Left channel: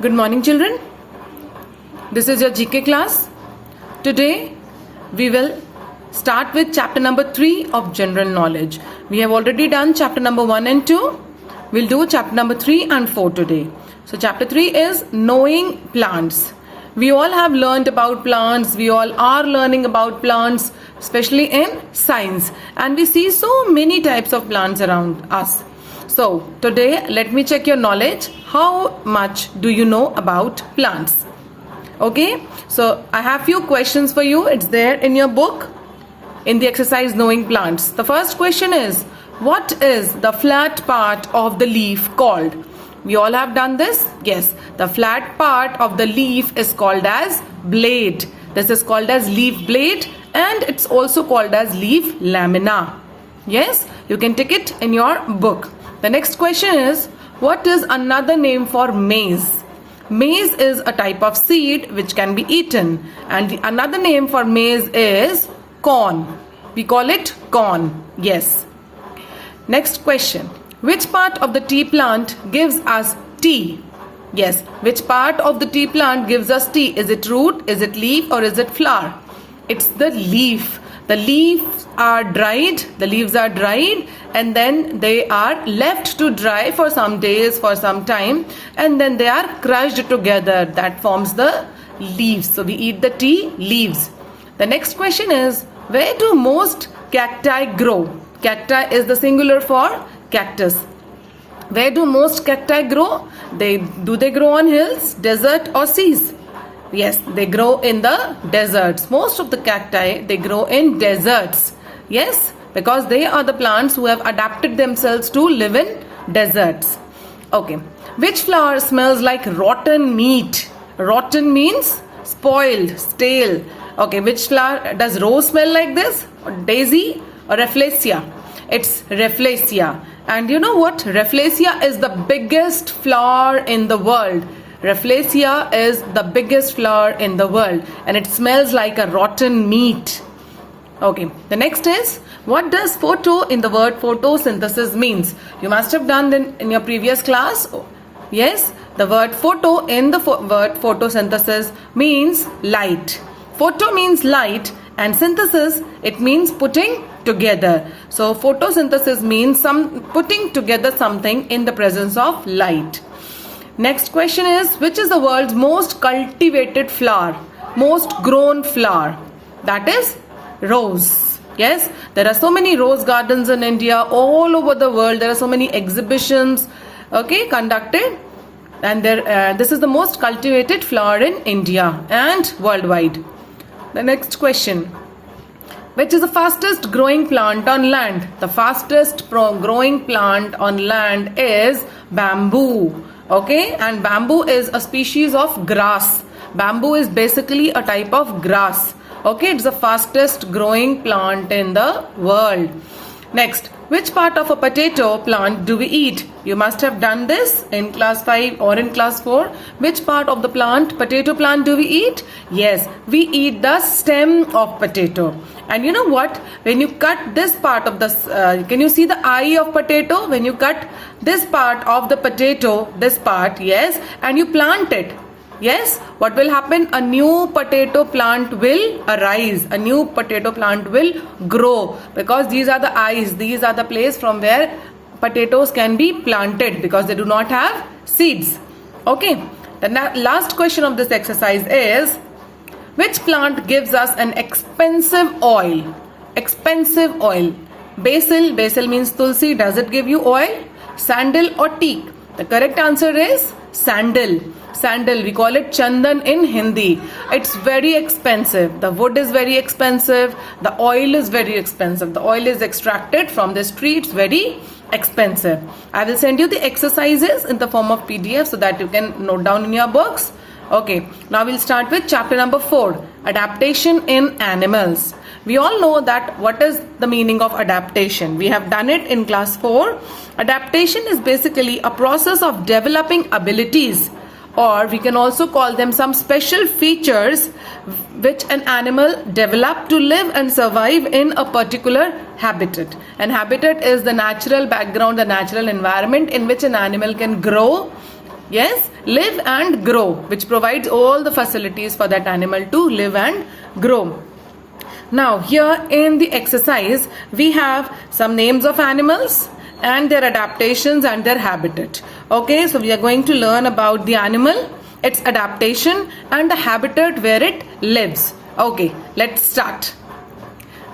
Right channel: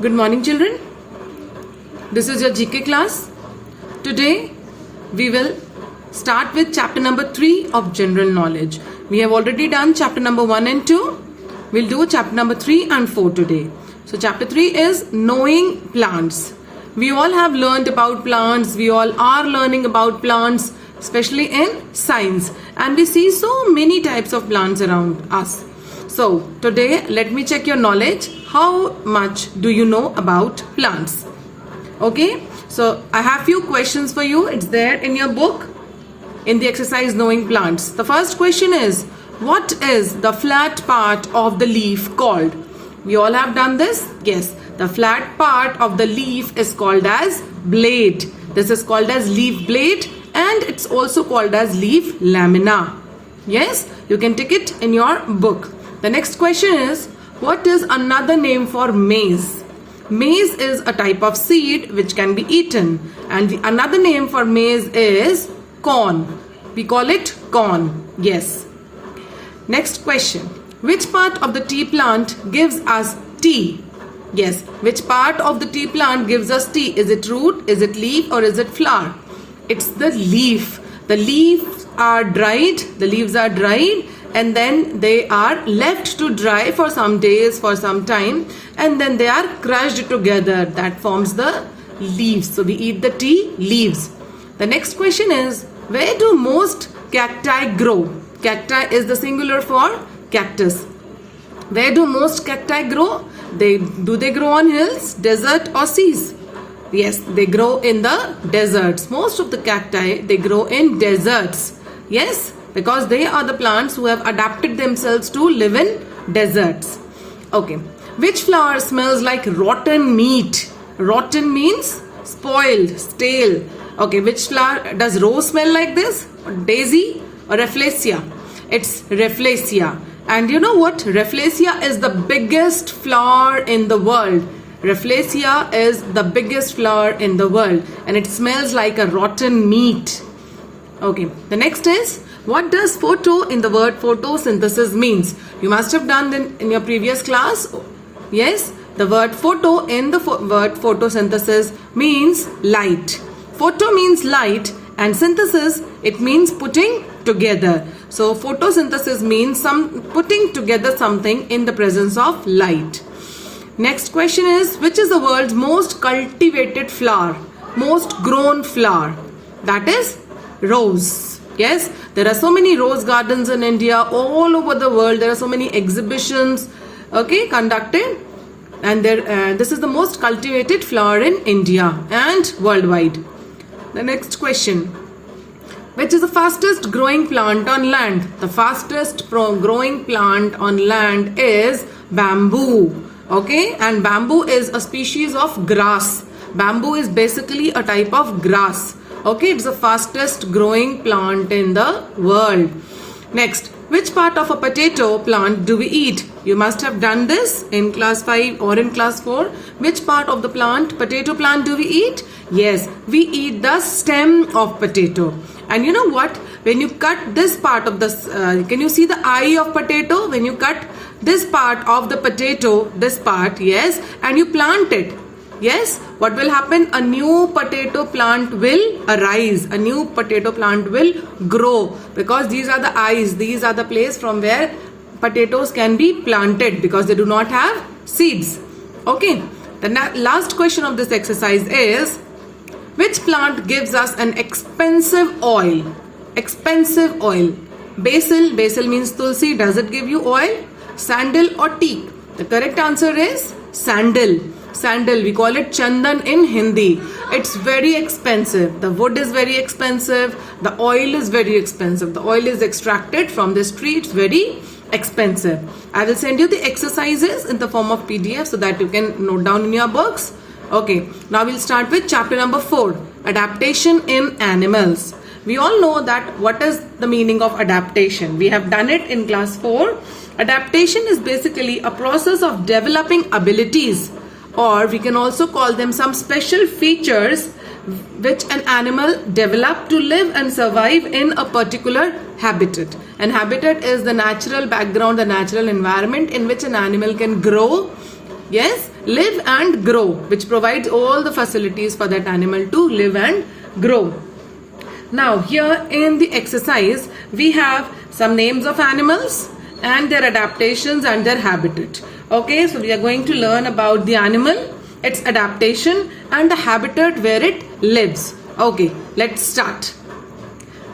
Good morning, children. This is your GK class. Today we will start with chapter number 3 of general knowledge. We have already done chapter number 1 and 2. We'll do chapter number 3 and 4 today. So chapter 3 is knowing plants. We all have learned about plants. We all are learning about plants, especially in science. And we see so many types of plants around us. So today let me check your knowledge. How much do you know about plants? Okay, so I have few questions for you. It's there in your book in the exercise knowing plants. The first question is, what is the flat part of the leaf called? We all have done this. Yes, the flat part of the leaf is called as blade. This is called as leaf blade, and it's also called as leaf lamina. Yes, you can take it in your book. The next question is, what is another name for maize? Maize is a type of seed which can be eaten, and the another name for maize is corn. We call it corn. Yes. Next question. Which part of the tea plant gives us tea? Yes. Which part of the tea plant gives us tea? Is it root, is it leaf, or is it flower? It's the leaf. The leaves are dried. The leaves are dried, and then they are left to dry for some days, for some time, and then they are crushed together. That forms the leaves. So we eat the tea leaves. The next question is, where do most cacti grow? Cacti is the singular for cactus. Where do most cacti grow? Do they grow on hills, desert, or seas? Yes, they grow in the deserts. Most of the cacti, they grow in deserts. Yes, because they are the plants who have adapted themselves to live in deserts. Okay. Which flower smells like rotten meat? Rotten means spoiled, stale. Okay, which flower? Does rose smell like this? Daisy or Rafflesia? It's Rafflesia. And you know what? Rafflesia is the biggest flower in the world. Rafflesia is the biggest flower in the world, and it smells like a rotten meat. Okay, the next is, what does photo in the word photosynthesis means? You must have done in your previous class. Yes, the word photo in the word photosynthesis means light. Photo means light, and synthesis, it means putting together. So photosynthesis means putting together something in the presence of light. Next question is, which is the world's most cultivated flower? Most grown flower? That is rose. Yes, there are so many rose gardens in India, all over the world. There are so many exhibitions, okay, conducted, and this is the most cultivated flower in India and worldwide. The next question, which is the fastest growing plant on land? The fastest growing plant on land is bamboo. Okay, and bamboo is a species of grass. Bamboo is basically a type of grass. Okay, it's the fastest growing plant in the world. Next, which part of a potato plant do we eat? You must have done this in class 5 or in class 4. Which part of the potato plant do we eat? Yes, we eat the stem of potato. And you know what? When you cut this part of the, can you see the eye of potato? When you cut this part of the potato, this part, yes, and you plant it, yes, what will happen? A new potato plant will arise. A new potato plant will grow, because these are the eyes. These are the place from where potatoes can be planted, because they do not have seeds. Okay. The last question of this exercise is, which plant gives us an expensive oil? Expensive oil. Basil. Basil means tulsi. Does it give you oil? Sandal or teak? The correct answer is sandal. Sandal. We call it chandan in Hindi. It's very expensive. The wood is very expensive. The oil is very expensive. The oil is extracted from this tree. It's very expensive. I will send you the exercises in the form of PDF so that you can note down in your books. Okay, now we'll start with chapter number 4, adaptation in animals. We all know that what is the meaning of adaptation. We have done it in class 4. Adaptation is basically a process of developing abilities, or we can also call them some special features which an animal develop to live and survive in a particular habitat. And habitat is the natural background, the natural environment in which an animal can grow, Yes, live and grow, which provides all the facilities for that animal to live and grow. Now here in the exercise, we have some names of animals and their adaptations and their habitat. Okay, so we are going to learn about the animal, its adaptation and the habitat where it lives. Okay, let's start.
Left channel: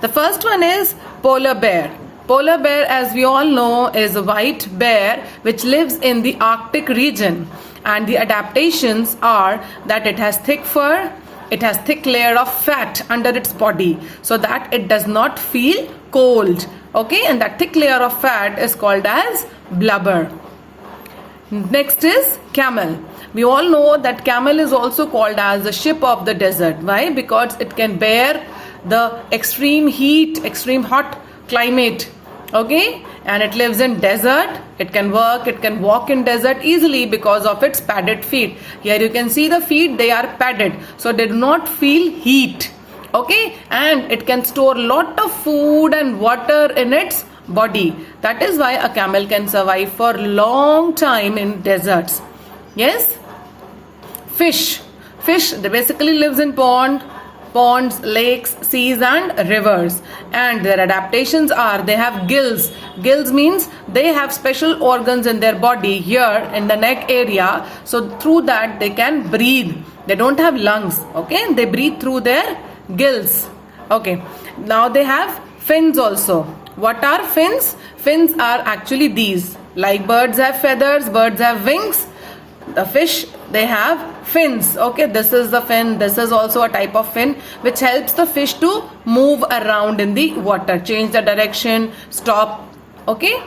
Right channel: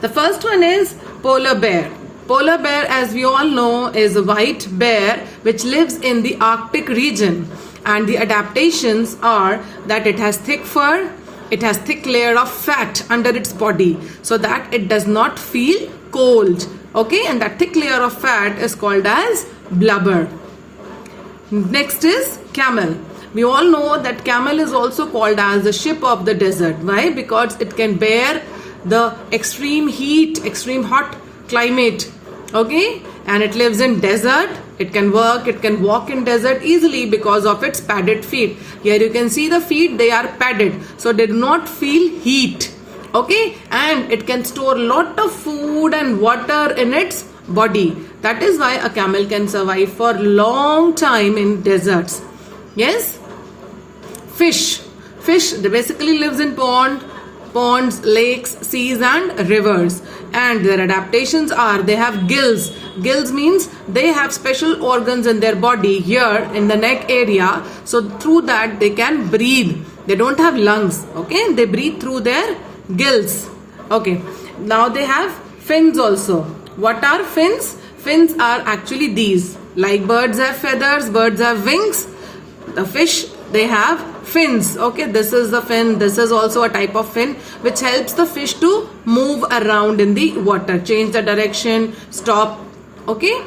The first one is polar bear. Polar bear, as we all know, is a white bear which lives in the Arctic region, and the adaptations are that it has thick fur, it has thick layer of fat under its body so that it does not feel cold. Okay, and that thick layer of fat is called as blubber. Next is camel. We all know that camel is also called as the ship of the desert. Why? Because it can bear the extreme heat, extreme hot climate. Okay, and it lives in desert. It can work, it can walk in desert easily because of its padded feet. Here you can see the feet, they are padded, so they do not feel heat. Okay, and it can store lot of food and water in its body. That is why a camel can survive for long time in deserts. Yes. Fish. Fish, they basically lives in ponds, lakes, seas and rivers, and their adaptations are they have gills. Gills means they have special organs in their body here in the neck area, so through that they can breathe. They don't have lungs. Okay, they breathe through their gills. Okay, now they have fins also. What are fins? Fins are actually these. Like birds have feathers, birds have wings, the fish, they have fins. Okay, this is the fin. This is also a type of fin which helps the fish to move around in the water, change the direction, stop. Okay,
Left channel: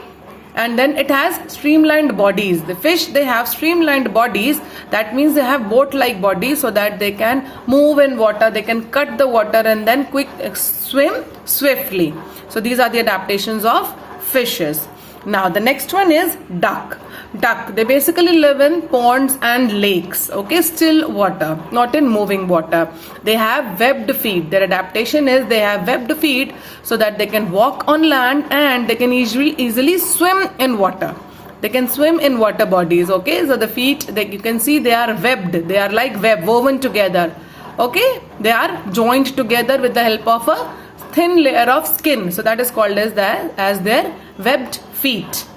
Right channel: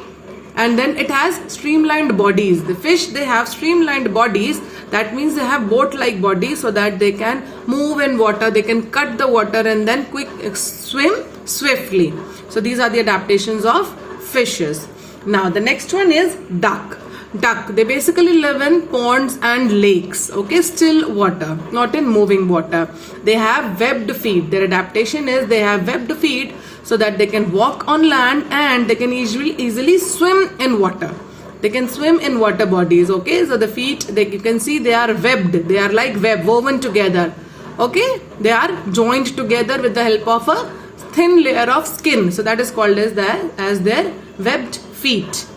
and then it has streamlined bodies. The fish, they have streamlined bodies. That means they have boat-like bodies so that they can move in water, they can cut the water and then swim swiftly. So these are the adaptations of fishes. Now the next one is duck. Duck, they basically live in ponds and lakes. Okay, still water, not in moving water. They have webbed feet. Their adaptation is they have webbed feet so that they can walk on land and they can easily swim in water. They can swim in water bodies. Okay, so the feet, you can see they are webbed. They are like web, woven together. Okay, they are joined together with the help of a thin layer of skin. So that is called as their webbed feet.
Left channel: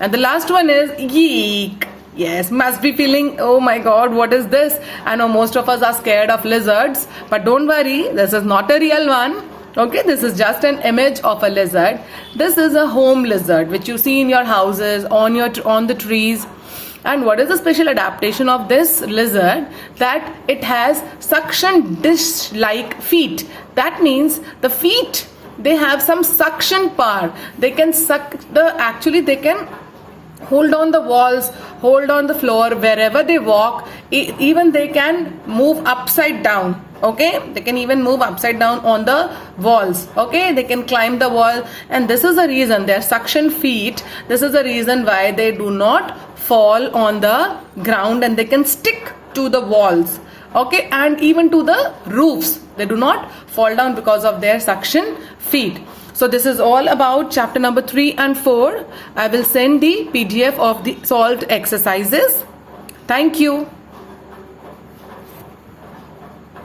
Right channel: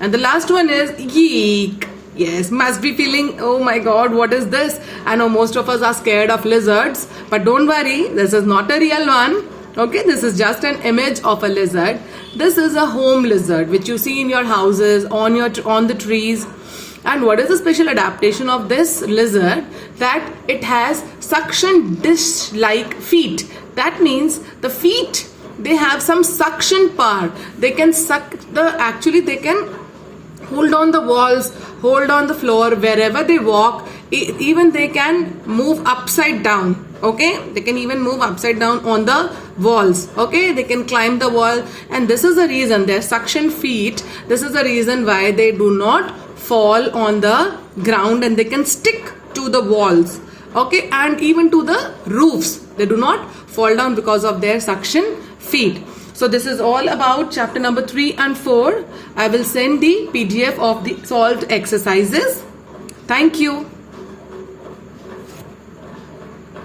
And the last one is yeek. Yes, must be feeling, oh my god, what is this? I know most of us are scared of lizards, but don't worry, this is not a real one. Okay, this is just an image of a lizard. This is a home lizard which you see in your houses, on the trees. And what is the special adaptation of this lizard? That it has suction dish-like feet. That means the feet, they have some suction power. They can suck they can hold on the walls, hold on the floor wherever they walk. Even they can move upside down. Okay, they can even move upside down on the walls. Okay, they can climb the wall, and this is the reason their suction feet. This is the reason why they do not fall on the ground and they can stick to the walls. Okay, and even to the roofs. They do not fall down because of their suction feet. So this is all about chapter number 3 and 4. I will send the PDF of the solved exercises. Thank you.